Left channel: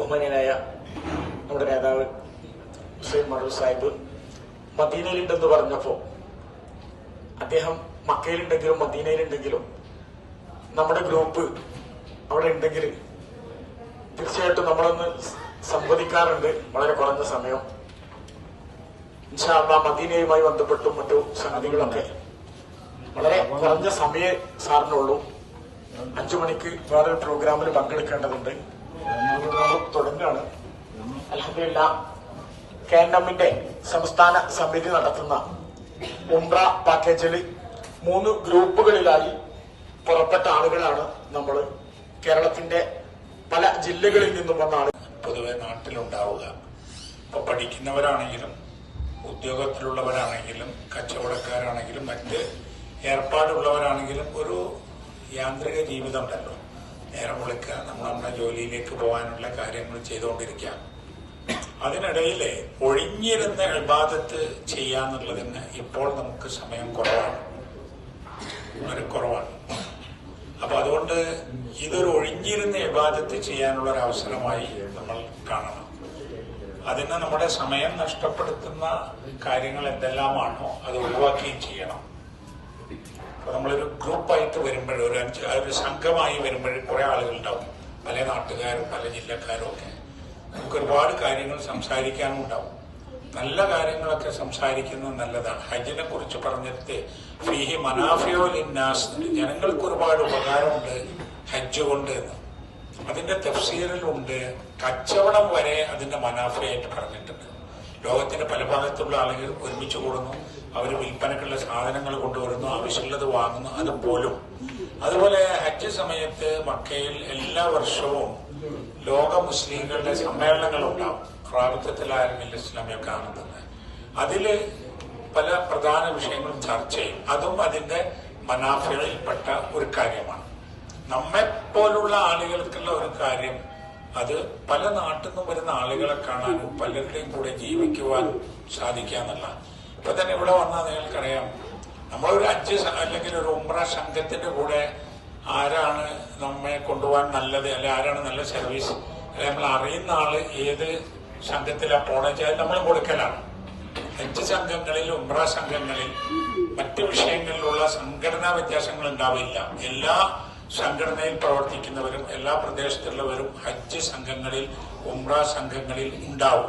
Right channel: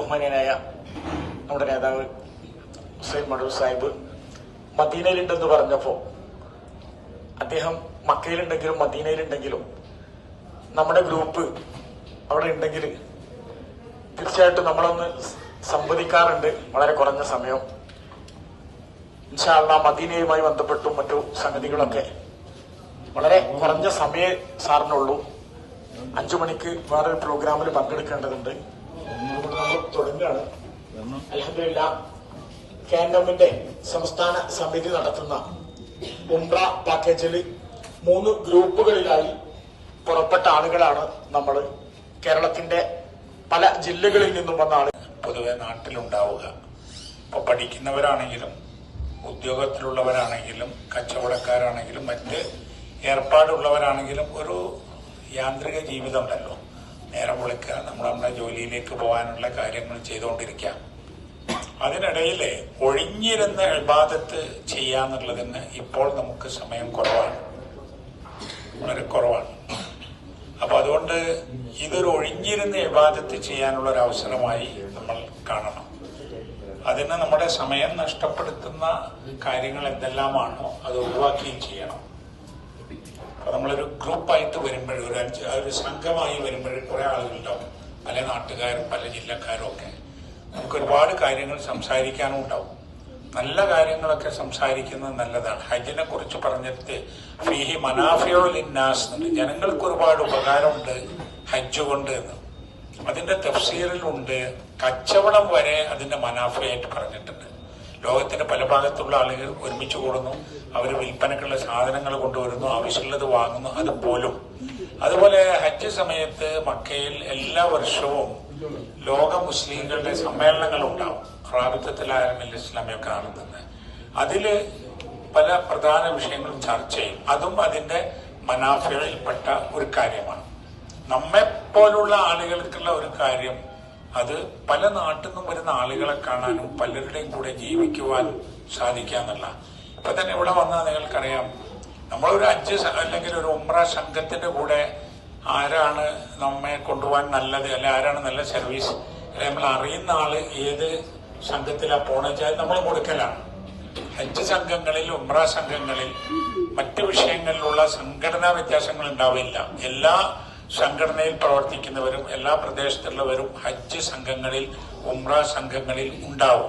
ബഹുമാന്യനായ നമ്മുടെ നേതാവ് ഹുസൈൻ മടൂർ സാഹിബ് മദീനയിലുണ്ടെന്ന് പറഞ്ഞപ്പോ അദ്ദേഹം മക്കയിലുണ്ടെങ്കിലും മദീനയിലുണ്ടെങ്കിലും നമ്മുടെ ഗ്രൂപ്പ് അവിടെ ഉണ്ടെങ്കിൽ തീർച്ചയായിട്ടും നമ്മളൊന്ന് സംവദിക്കാറുണ്ട്. വളരെ കുറഞ്ഞ സമയം ഇൻഷാ അല്ലാഹ് മദീനയുമായി ബന്ധപ്പെട്ടും മറ്റു സംഗതികളൊക്കെ വളരെ കുറഞ്ഞ സമയം സാറിനുള്ളൂ. 5 മണിക്ക് വേറൊരു പ്രോഗ്രാമിൽ പങ്കെടുക്കേണ്ടതുണ്ട്. തുടങ്ങുകയാണ്. അൽഹംദുലില്ലാഹ് KNMന്റെ സംസ്ഥാന സമിതി നടത്തുന്ന ഉംറ പാക്കേജിൽ 3 ഗ്രൂപ്പുകളിലായി പുറപ്പെട്ട ആളുകളാണ് നമ്മൾ. കേരളത്തിന്റെ പല ജില്ലകളിൽ നിന്നും വന്ന ആളുകൾ പൊതുവെ നാട്ടിലുണ്ടാവുക. ഇപ്പൊ പഠിക്കുന്നവരാണെങ്കിലും ഉദ്യോഗത്തിലുള്ളവരാണെങ്കിലും കച്ചവടക്കാരാണെങ്കിലും മറ്റ് ഏർപ്പാടുള്ളവരാണെങ്കിലും ഒരു യാന്ത്രിക ജീവിതമുണ്ടല്ലോ. നേരം വിളിക്കുക, നമ്മുടെ ജോലിയിലേക്ക് പോകാനുള്ള കാര്യങ്ങൾ ചെയ്തുകൊണ്ടിരിക്കുക. അതിനിടയിൽ ഒഴിഞ്ഞിരുന്ന ഇബാദത്ത് ചെയ്യാന്നുള്ളതിന് ഇപ്പോൾ നമുക്ക് സമയം കുറവാണ്, വളരെ കുറവാണ്. അപ്പൊ അതുകൊണ്ട് ഇതൊരു ഒഴിഞ്ഞിരുന്ന ഇബാദത്ത് ചെയ്യാനുള്ള ഒരു അവസരമായി നമ്മൾ കാണണം. അതിന് നമ്മുടെ സമയം നഷ്ടപ്പെടുത്തുന്ന കാര്യങ്ങൾ എന്തെല്ലാമാണോ അത് ഒഴിവാക്കുകയും ചെയ്യണം. അപ്പൊ നമ്മളൊരു ഗ്രൂപ്പായിട്ട് വരുമ്പോഴും ഒരു സംഘമായി വരുമ്പോഴും കുറെ ആളുകളുണ്ടാവും, പല നാട്ടുകാരും പല ജില്ലക്കാരും ഒക്കെ. നമുക്ക് ഒരുപാട് കാര്യങ്ങൾ സംസാരിക്കാനും ഉണ്ടാവും. നല്ല കാര്യങ്ങളൊക്കെ സംസാരിക്കുന്നത് നല്ലതാണ്. ഹജ്ജിനെ കുറിച്ച് പറഞ്ഞിട്ട് ഫീഹി മനാഫിയോ ലിന്നാസ്, ജനങ്ങൾക്ക് ഒരുപാട് ഉപകാരമുണ്ട് ഹജ്ജ് കൊണ്ട് എന്ന്. അതിന്റെ തഫ്സീറിലുണ്ട്. കച്ചവടം വരെ അതിന്റെ മനാഫിയായിട്ട് പറഞ്ഞിട്ടുണ്ട്. ലോകത്തിന്റെ പല ഭാഗത്തുള്ള ആളുകൾ ഒരുമിച്ച് കൂടുന്നു, അവർ വിൽപ്പനക്കുള്ള സാധനങ്ങൾ കൊണ്ടുവരുന്നു, ആവശ്യമുള്ളത് വാങ്ങുന്നു. അതുപോലും അതുപോലെ ഹജ്ജ് സമയത്ത് മക്കയിൽ എല്ലാ വർഷവും ലോക മുസ്ലിങ്ങളുടെ സമ്മേളനങ്ങൾ ഉണ്ടാവും. റാബിത്തത്തുൽ ഇസ്ലാമിയൊക്കെ കാണുന്നത്. അതില് പല പ്രധാന വിഷയങ്ങളും ചർച്ച ചെയ്യും. അതും അതിന്റെ മനാഫികളിൽപ്പെട്ട ഒരു കാര്യമാണ്. നമ്മെപ്പോലുള്ള ആളുകൾക്കുള്ള ഒരു കാര്യം, അത് പല നാട്ടിൽ നിന്നും വരുന്ന ആളുകളെ കാണാനും പലരുടെയും കൂടെ ജീവിക്കുവാൻ സാധിക്കാന്നല്ല. ഇപ്പൊ തന്നെ ഇവിടെ വന്നാൽ നിങ്ങൾക്കറിയാം, നമ്മളൊരു ഹജ്ജ് അല്ലെങ്കിൽ ഒരു ഉംറ സംഘത്തിന്റെ കൂടെ ആരാണ് നമ്മെ കൊണ്ടുപോകാൻ നല്ലത്, അല്ലെ ആരാണ് നല്ല സർവീസ്, അല്ലെ നമ്മൾ അറിയുന്ന ആള് ഏത് സംഘത്തിലാണ് പോണെച്ചാൽ നമ്മൾ കൊടുക്കലാണ്. ഹജ്ജ് സംഘങ്ങളിൽ ഉംറ സംഘങ്ങളിൽ മറ്റു വിഷയങ്ങളിലുള്ള സംഘടനാ വ്യത്യാസങ്ങൾ ഉണ്ടാവില്ല. എല്ലാ സംഘടനയിൽ പ്രവർത്തിക്കുന്നവരും എല്ലാ പ്രദേശത്തുള്ളവരും ഹജ്ജ് സംഘങ്ങളിൽ ഉംറ സംഘങ്ങളിൽ ഉണ്ടാവും.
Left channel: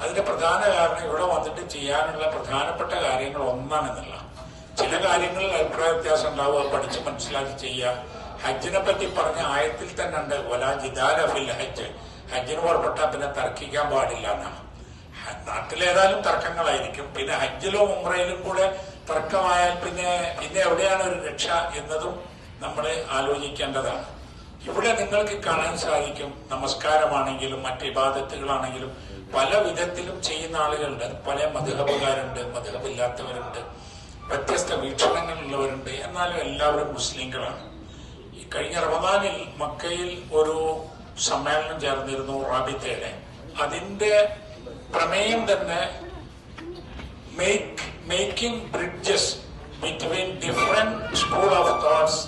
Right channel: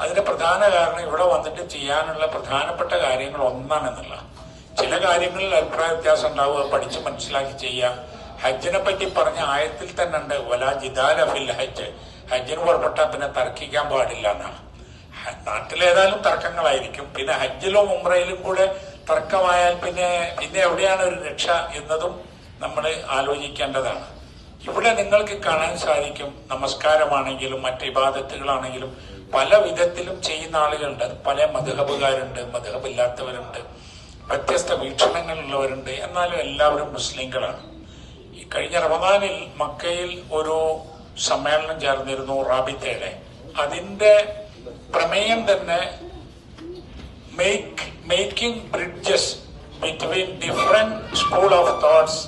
അതിന്റെ പ്രധാന കാരണം ഇവിടെ വന്നിട്ട് ചെയ്യാനുള്ള പ്രധാനപ്പെട്ട കാര്യങ്ങൾ ഒന്നാണെന്നുള്ള. ചില കാര്യങ്ങളിൽ അഭിപ്രായ വ്യത്യാസം ഉണ്ടാവുക, പഠിച്ച് മനസ്സിലാക്കി ചെയ്യാം. ഹജ്ജിനെ പറ്റി പറഞ്ഞ ആയത്തിൽ തന്നെ ഉണ്ട്, വലാ ജിദാല ഫിൽ ഹജ്ജ്, ഹജ്ജിന് പുറപ്പെട്ടാൽ പിന്നെ തർക്കിക്കാൻ പാടില്ല എന്നാണ്. നാട്ടിലേതായാലും തർക്കങ്ങളായിരിക്കും. പിന്നെ ഹജ്ജിലും ഉംറയിലും കൂടെ തർക്കമായാൽ പിന്നെ എവിടെയാണ് ഒരു രക്ഷ എന്നതും നമ്മൾ ആലോചിക്കേണ്ടതാണ്. ഇവിടെ നിങ്ങൾക്ക് കാണാൻ സാധിക്കും, നമസ്കാരമാണെങ്കിലും മറ്റ് ഇബാദത്തുകളാണെങ്കിലും പല വിധത്തിലും ചെയ്യുന്ന ആളുകളുണ്ട്. പല മദ്ഹബുകാരുണ്ട്, മദ്ഹബില്ലാത്തവരുണ്ട്, വ്യത്യസ്ത വീക്ഷണങ്ങളുള്ളവരുണ്ട്. എന്നാലും എല്ലാവരും മുസ്ലിങ്ങളാണ്. ഈ കഴിഞ്ഞ റമദാനിൽ മക്കയിൽ ഒരു സമ്മേളനം ചേർന്നിരുന്നു റാബിത്തയുടെ. അതിന്റെ പ്രമേയം തന്നെ making bridges between different school of thoughts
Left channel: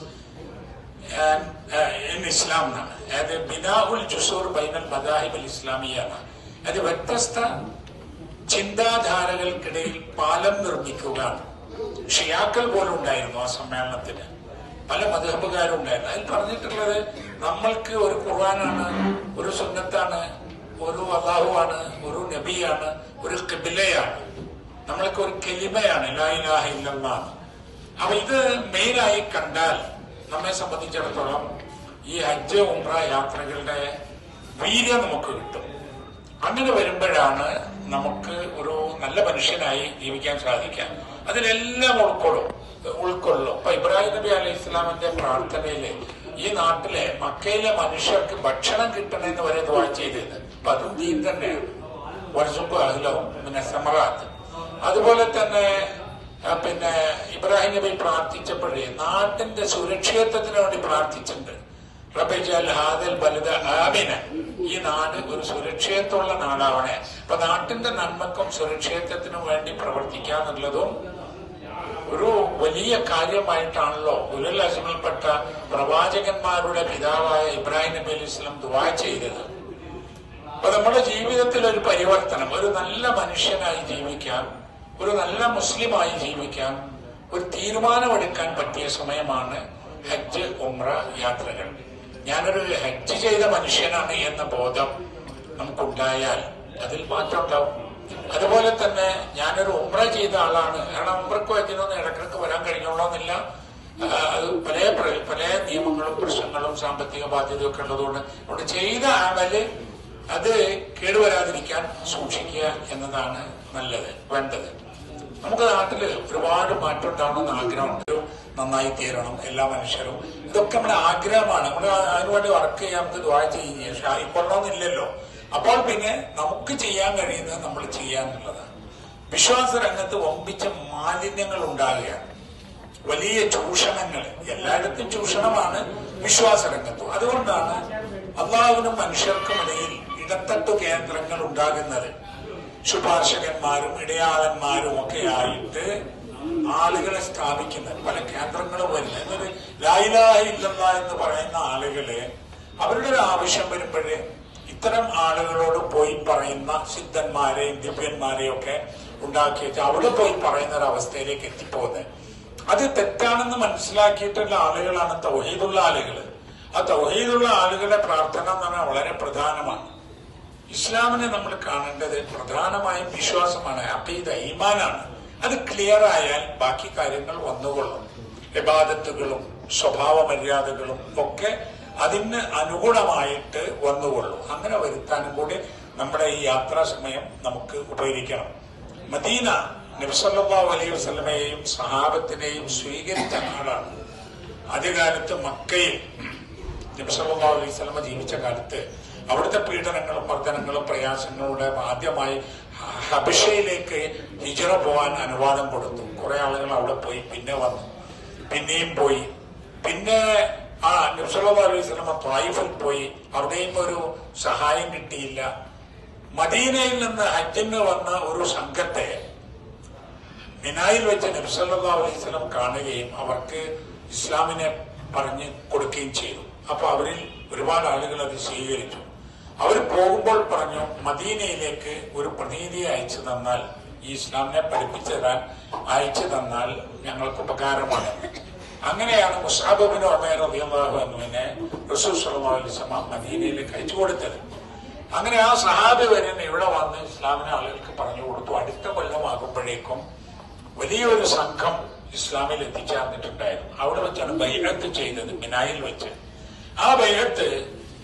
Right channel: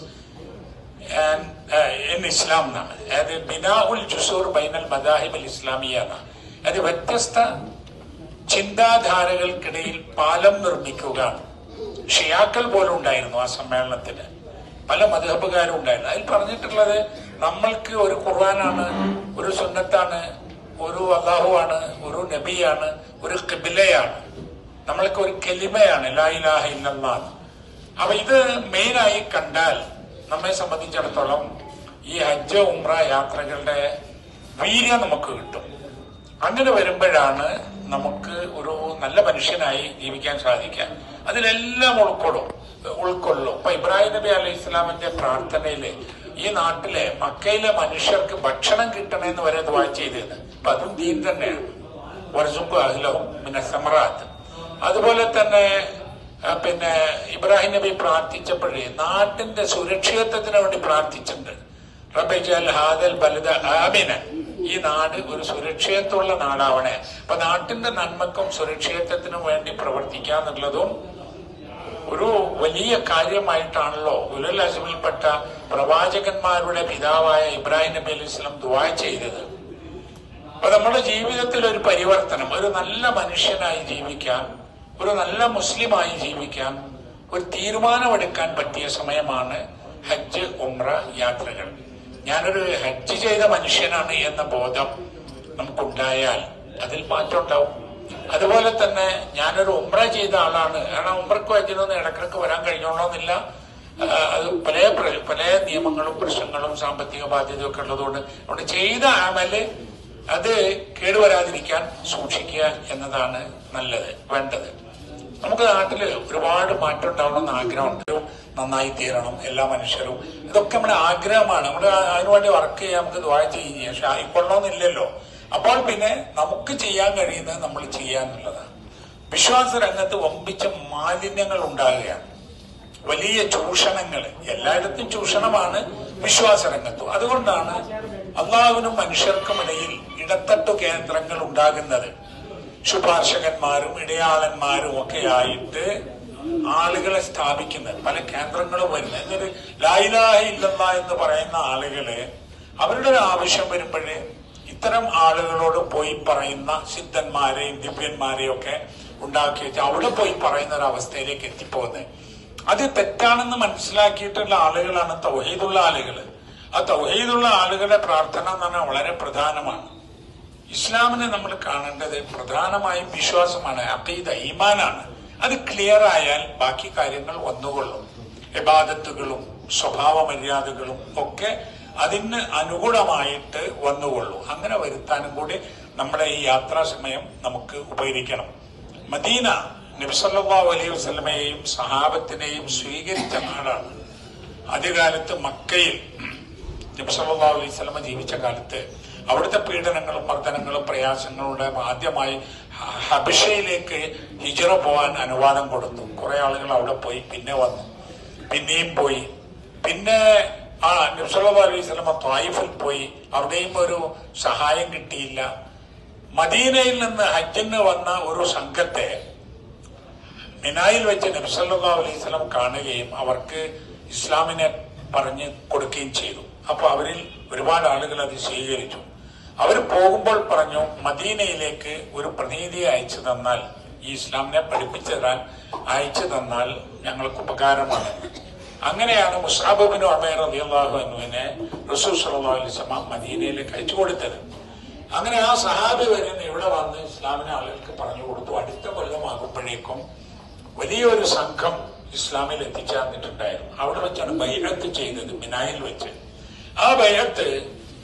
in Islam എന്നാണ്. അതായത് ബിനാഉൽ ജുസൂർ ബൈനൽ മദാഹിബ് ഇസ്ലാമിയ എന്നാണ്. അത് വ്യത്യസ്ത ചിന്താധാരകൾക്കിടയിൽ പാലം നിർമ്മിക്കുക. ഷിയാക്കൾ പോലും ഉണ്ടായിരുന്നു ആ സമ്മേളനത്തിന്, പല മദ്ഹബുകാരും ഉണ്ടായിരുന്നു. അതിൽ പറഞ്ഞിട്ടുള്ളത്, നമ്മൾക്ക് ഒരു ഖുർആനാണ്, ഒരു സുന്നത്താണ്, ഒരു അല്ലാഹുവാണ്, ഒരു നബിയാണ്, ഒരു ഖിബ്ലയാണ്, നമ്മൾക്ക് ഒരു കലിമയാണ്, ലാ ഇലാഹ ഇല്ലല്ലാഹ്. അപ്പൊ ഇത് മെയിനായി കണ്ടാൽ നമ്മെ സംബന്ധിച്ചിടത്തോളം ഈ ഹജ്ജ് ഉംറ യാത്രകളുടെ വീര്യം നമുക്ക് കിട്ടും. അങ്ങനെ വരുമ്പോഴാണ് നമുക്ക് ഒരു നല്ല മനുഷ്യനായി ജീവിക്കാൻ സാധിക്കുക. അതിലെല്ലാം ഉൾക്കൊള്ളും. ഇപ്പൊ ഇബ്രാഹിം നബി അലൈഹി ഇസ്ലാമിന്റെ പ്രാർത്ഥനയില് ഈ നാട്ടിലെ മക്കയിലെ മനുഷ്യർക്ക് ഭക്ഷണം കിട്ടണമെന്ന് വരെ ദുആ ചെയ്തത്. അപ്പൊ അതും ദീൻ തന്നെയാണ്. വർസുഖു അഹ്ലഹു മിനസ് സമറാത്ത്. അതുപോലെ തന്നെ പിന്നെ ഇബ്രാഹിം നബി പ്രാർത്ഥിച്ചപ്പോഴേ നാട്ടിന്റെ സുരക്ഷിതത്വത്തിന് വേണ്ടി പ്രാർത്ഥിച്ചിട്ടുണ്ട്. റബ്ബി ജഅൽ ഹാദൽ ബലദ ആമിന, ഈ നാട് ഒരു സുരക്ഷിതത്വമുള്ള നാടാവണേ. അപ്പൊ നാട്ടിന്റെ നന്മക്കും സുരക്ഷിതത്വത്തിനും വേണ്ടി പ്രവർത്തിക്കുക എന്നുള്ളതും ഒരു വലിയ കാര്യമായിട്ടാണല്ലോ ഉലുൽ അസ്മിൽപ്പെട്ട പ്രവാചകന്മാരുടെ പിതാവായ ഇബ്രാഹിം നബി അലൈഹി സ്വലം ദുആ ചെയ്തത്. നമ്മുടെ ജീവിതത്തിൽ ഒരു പരിവർത്തനം, ഒരു നല്ല മനുഷ്യനായി ജീവിക്കാൻ, ഒരു നല്ല മുസ്ലിമായി ജീവിക്കാൻ ഒരു തീരുമാനമെടുക്കാൻ പറ്റിയ സമയമാണ് ഹജ്ജ് ഉംറ യാത്രകൾ. ഞാനൊരു ഹജ്ജ് ചെയ്ത മനുഷ്യനാണ് എന്ന ബോധം നമുക്കുണ്ടായാൽ അതിൽ മാറ്റം ഉണ്ടാവും. അതുപോലെ തന്നെ ഞാനൊരു ഉംറ ചെയ്ത ആളാണ്, കാരണം ഉംറയ്ക്ക് ഹജ്ജിനൊന്നും ഇടക്കിടക്ക് വരാൻ കഴിഞ്ഞോളണമെന്നില്ല. അത് പല നിയമങ്ങളും പ്രശ്നങ്ങളും സാമ്പത്തിക ബാധ്യതയൊക്കെ ഉള്ളതുകൊണ്ട് അവിടെ ചെയ്ത അമല് അത് കേടുവരാതിരിക്കാൻ സൂക്ഷിക്കുക എന്നതാണ് നല്ലത്, വേണ്ടത്. നമുക്ക് നാട്ടില് ഒരുപാട് മാറ്റം ഉണ്ടാവണമെന്ന് ആഗ്രഹമുണ്ട്. നന്നായി തീരണം എല്ലാ മനുഷ്യരും, ഇതൊക്കെ നമ്മുടെ ആഗ്രഹമാണ്. നമ്മൾ അതിനുവേണ്ടി വർക്ക് ചെയ്യാൻ, നമുക്ക് ദ്വാ ചെയ്യുക, പക്ഷെ ആയിക്കൊള്ളണമെന്നില്ലല്ലോ. അപ്പോൾ പിന്നെ നമുക്ക് ചെയ്യാൻ കഴിയുന്നത് നമ്മൾ ചെയ്യാന്നുള്ളതാണ്. വിശ്വാസ രംഗത്ത് വമ്പിച്ച മാലിന്യങ്ങൾ ഉണ്ടാകുകയാണ്, വലിയ ചൂഷണങ്ങൾ, എല്ലായിടത്തും ചൂഷണമാണ് വിശ്വാസ രംഗത്തും. അതുകൊണ്ടാണ് അള്ളാഹുവിനും മനുഷ്യർക്കുമിടയിൽ ഇടത്തട്ടു കേന്ദ്രങ്ങൾ ഉണ്ടാകുന്നത്. ശുപാർശകന്മാരും ഇടയാളന്മാരും ഒക്കെ ആയിട്ട് ആളുകളെ സ്ഥാപിക്കുന്നത്, പല കേന്ദ്രങ്ങളും വരുന്നത്. എന്നൊരു ലാ ഇലാഹ ഇല്ലല്ലാഹ് എന്ന് പറയുന്ന ആളുകള് അവരുടെ ഒരു ആവശ്യം വരുമ്പോഴേ ഇത്തരം ആളുകളോട് പോയി പറയുന്ന സിദ്ധന്മാരെയും ദിവ്യന്മാരെയും ഒക്കെ ഉണ്ടാക്കി വെച്ച് അവിടെ പോയി പറയുന്ന ഒരു അവസ്ഥയിലേക്ക് എത്തിപ്പോകുന്നത്. അത് തെറ്റാണെന്ന് മനസ്സിലാക്കിയിട്ടുള്ള ആളുകളാണ് തൗഹീദുള്ള ആളുകൾ. ആ തൗഹീദുള്ള ആളുകളെ പ്രാർത്ഥന എന്ന് പറഞ്ഞാൽ വളരെ പ്രധാനമാണ്. ഇസ്ലാമിനെ നമ്മൾ കാണേണ്ടത് പ്രധാനമായും വിശ്വാസമാണ്, അഖീദ, ഈമാനാണ്. അത് ക്ലിയർ ആയാൽ ബാക്കി കാര്യങ്ങൾ വന്നുകൊള്ളും. ഇബാദത്തുകളും സ്വഭാവ മര്യാദകളും ഒക്കെ അതിന് അനുഗുണമായിട്ട് വന്നുകൊള്ളും. അങ്ങനെ വരുത്താനും കൂടി നമ്മുടെ ഈ യാത്രാ സമയം നമുക്ക് ഉപകരിക്കണം. മദീന നബി സല്ലല്ലാഹു അലൈഹി വസല്ലമയെയും സഹാബത്തിനെയും സ്വീകരിച്ച നാടാണ്. ആദ്യകാലത്ത് മക്കയിൽ നബി സല്ലല്ലാഹു അലൈഹി വസല്ലമ ജീവിച്ച കാലത്ത് അവിടുത്തെ പീഡനങ്ങളും മർദ്ദനങ്ങളും പ്രയാസങ്ങളുടെ ആദ്യമായി ഹബഷയിലേക്ക് ഹിജ്റ പോകാൻ അനുവാദം കൊടുത്തു. കുറെ ആളുകൾ അവിടെ പോയി, പിന്നെ വന്നു, പിന്നെയും പോയി. പിന്നെ നബി സല്ലല്ലാഹു അലൈഹി വസല്ലമ ത്വായിഫിൽ പോയി, അവിടെയും ഒരു സഹായം കിട്ടിയില്ല. മദീനയിൽ നിന്ന് ഹജ്ജിന് വന്ന ഒരു സംഘത്തെ മിനായിൽ വെച്ച് നബി സല്ലല്ലാഹു അലൈഹി വസല്ലം കാണുകയും അവർക്ക് ഇസ്ലാമിനെ പറഞ്ഞു കൊടുക്കുകയും ചെയ്തു. അപ്പൊ അവരിൽ ഒരുപാട് ആളുകൾ അത് സ്വീകരിച്ചു. അവർ പോകുമ്പോൾ പറഞ്ഞു, മദീനയിലേക്ക് ഒരു പ്രതിനിധിയെ അയച്ചു തന്നാൽ, ഈ ഇസ്ലാമിനെ പഠിപ്പിച്ചു തരാൻ അയച്ചു തന്നാൽ ഞങ്ങൾക്ക് ഉപകാരമാണ്. അങ്ങനെയാണ് മുസ്അബ് ഇബ്നു ഉമൈർ റളിയല്ലാഹു അൻഹുവിനെ റസൂൽ സല്ലല്ലാഹു അലൈഹി വസല്ലം മദീനയിലേക്ക് അയച്ചു കൊടുത്തത്. അങ്ങനെ ആ സഹാബി വരെ ഇവിടെ വന്ന് ഇസ്ലാമിനെ ആളുകൾക്ക് പറഞ്ഞു കൊടുത്തു. അടുത്ത കൊല്ലമാകുമ്പോഴേക്കും വലിയൊരു സംഘം ഇസ്ലാമിൽ എത്തിച്ചേർന്നിട്ടുണ്ടായിരുന്നു. അവിടെ വെച്ചാണ് ബൈഅത്ത് ചെയ്തത്, മിനായിൽ വെച്ച്. ആ ബൈഅത്ത്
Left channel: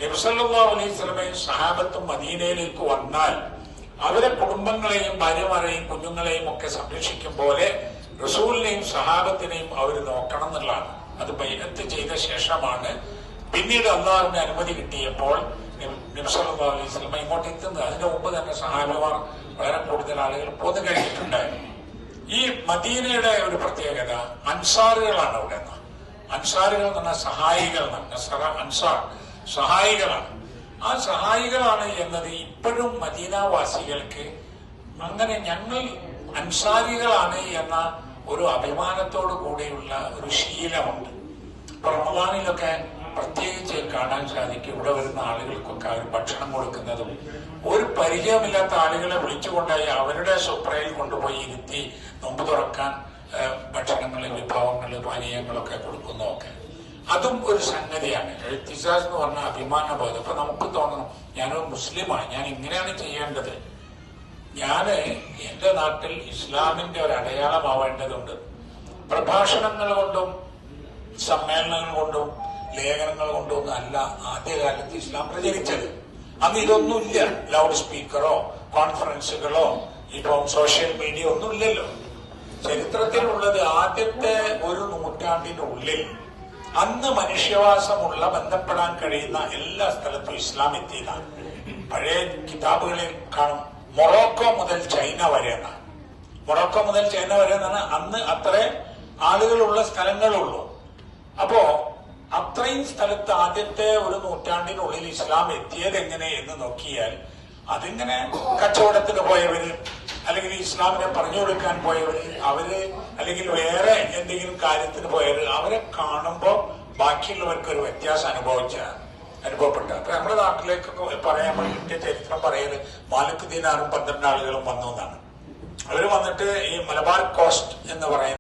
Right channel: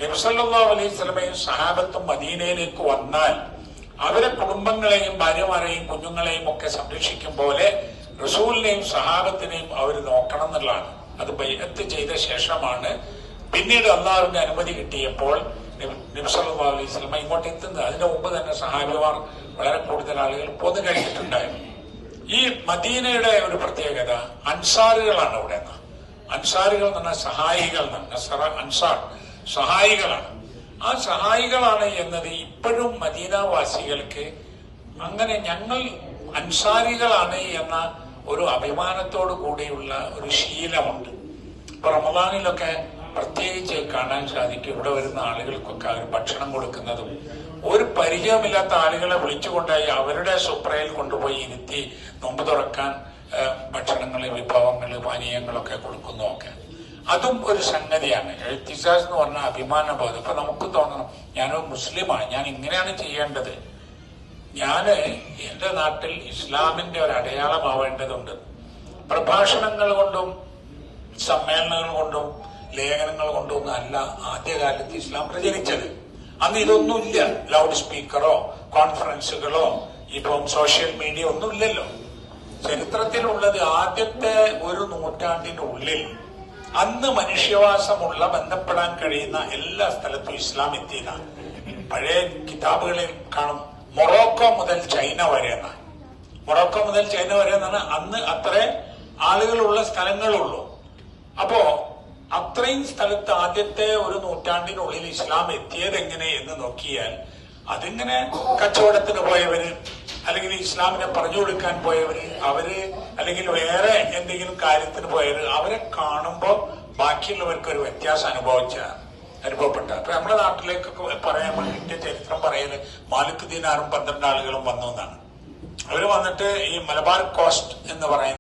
നബി സല്ലല്ലാഹു അലൈഹി വസല്ലമയും സഹാബത്തും മദീനയിലേക്ക് വന്നാൽ അവരെ കുടുംബങ്ങളെയും ഭാര്യമാരെയും കുഞ്ഞുങ്ങളെയും ഒക്കെ സംരക്ഷിക്കും പോലെ റസൂലിനെയും സഹാബത്തിനെയും അവർ നോക്കണം എന്നുള്ളതാണ്. അത് ബൈഅത്ത് ചെയ്ത ശേഷമാണ് പിന്നീട് അള്ളാഹുവിന്റെ അനുമതി കിട്ടിയപ്പോൾ നബി സല്ലല്ലാഹു അലൈഹി വസല്ലമ ഇങ്ങോട്ട് എത്തുന്നത്. അതിന്റെ മുമ്പ് തന്നെ സഹാബിമാർ വളരെ കൂടുതൽ ആളുകൾ പോന്നു കഴിഞ്ഞിട്ടുണ്ടായിരുന്നു. ഈ മദീനയുടെ ഒരു പ്രത്യേകത അൻസാറുകളാണ്. അവിടെ അൻസാറുകൾ എന്ന് പറഞ്ഞാൽ സഹായികൾ, നസറ അൻസാർ സഹായികളാണ്. ആ സഹായികളാണ് എന്നത് ഇപ്പോഴും മദീനാവാസികൾക്ക് അങ്ങനെ ഞങ്ങൾ അൻസാരികളാണ് എന്ന ഒരു അഭിമാനത്തോടു കൂടിയുള്ള ഒരു ശീലമുണ്ട്. ഇപ്പൊ റമദാനിലൊക്കെ പ്രത്യേകിച്ച് കാണാൻ സാധിക്കും, ഇവിടെ വരുന്ന ആളുകൾക്കൊക്കെ അവർ ഭക്ഷണം കൊടുക്കുന്നതും ഒരു പരിചയമില്ലാത്ത ആളുകളെ വിളിച്ചുകൊണ്ടായി അവരുടെ സുപ്രയിൽ കൊണ്ടുപോയി ഇരുത്തി നോമ്പ് തുറക്കാൻ ഭക്ഷണങ്ങൾ, വിഭവങ്ങൾ, പാനീയങ്ങളൊക്കെ കൊടുക്കുന്നതൊക്കെ അതും ഒരു സംഗതിയാണ്. എഴുത്തിസാസ് എന്ന് പറഞ്ഞ അഭിമാനബോധം. അപ്പൊ നമുക്ക് തോന്നണം, ഞാനൊരു മുസ്ലിമാണ്, ഞാൻ ഇങ്ങനെയാണ് ചെയ്യേണ്ടത്. ഞാന് എന്റെ നാട്ടിൽ ഇസ്ലാമിന്റെ ഒരു അടയാളമാവേണ്ടതുണ്ട്. പ്രഭാഷണങ്ങൾ കൊണ്ടും സമ്മേളനങ്ങൾ കൊണ്ടും ലേഖനങ്ങൾ കൊണ്ടൊന്നും അല്ല ആദ്യകാലത്ത് ഇസ്ലാം പ്രചരിച്ചത്. അന്ന് ഇതൊന്നുമില്ല, ലൗഡ് സ്പീക്കറോ കോൺഫറൻസുകളോ ഇപ്പം സോഷ്യൽ മീഡിയ ഒന്നുമില്ലല്ലോ. ചരിത്രത്തിലുള്ളത് ആദ്യത്തെ ഒരു നൂറ്റാണ്ടിനുള്ളിൽ അന്ന് മനുഷ്യവാസമുള്ള ബന്ധപ്പെടാൻ കഴിയുന്ന എല്ലാ സ്ഥലത്തും ഇസ്ലാം എത്തിയതാണ്. പഴയ കിതാബുകളിൽ കാണും മൊറോക്കോ മുതൽ ചൈന വരെ എന്നാണ്. മൊറോക്കോ മുതൽ ചൈന വരെ എന്നാണ് അന്ന് അത്ര ആളുകളുള്ള സ്ഥലങ്ങളുള്ളൂ. അപ്പോ അത്രയും സ്ഥലത്ത് ആദ്യത്തെ ഒരു നൂറ്റാണ്ടിനുള്ളിൽ ഇസ്ലാം എത്തിയത് എങ്ങനെ എന്ന് നോക്കിയാൽ അതിങ്ങനെ കച്ചവടത്തിന് പോയവര്, അല്ലെങ്കിൽ ഇസ്ലാമിനെ പറഞ്ഞു കൊടുക്കാൻ പോയവര്, അവര് അല്ലെങ്കിൽ വേറെ എന്തെങ്കിലും കാര്യത്തിന് പോയവര്, അവരെ കാണുമ്പോൾ ബാക്കിയുള്ളവർക്ക് ഒരു വ്യത്യാസം അനുഭവിച്ചതാണ്. അനുഭവപ്പെട്ടത്. അപ്പൊ നമ്മുടെ നാട്ടിലേക്ക് പറയാൻ വേണ്ടിയിട്ട് ചരിത്രം പറയുന്നത് മാലിക് ദീനാറും 12 ആളുകളും വന്നു എന്നാണ്. അവര് വന്നിട്ട് ഈ മലബാർ കോസ്റ്റ് എന്ന് പറയുന്ന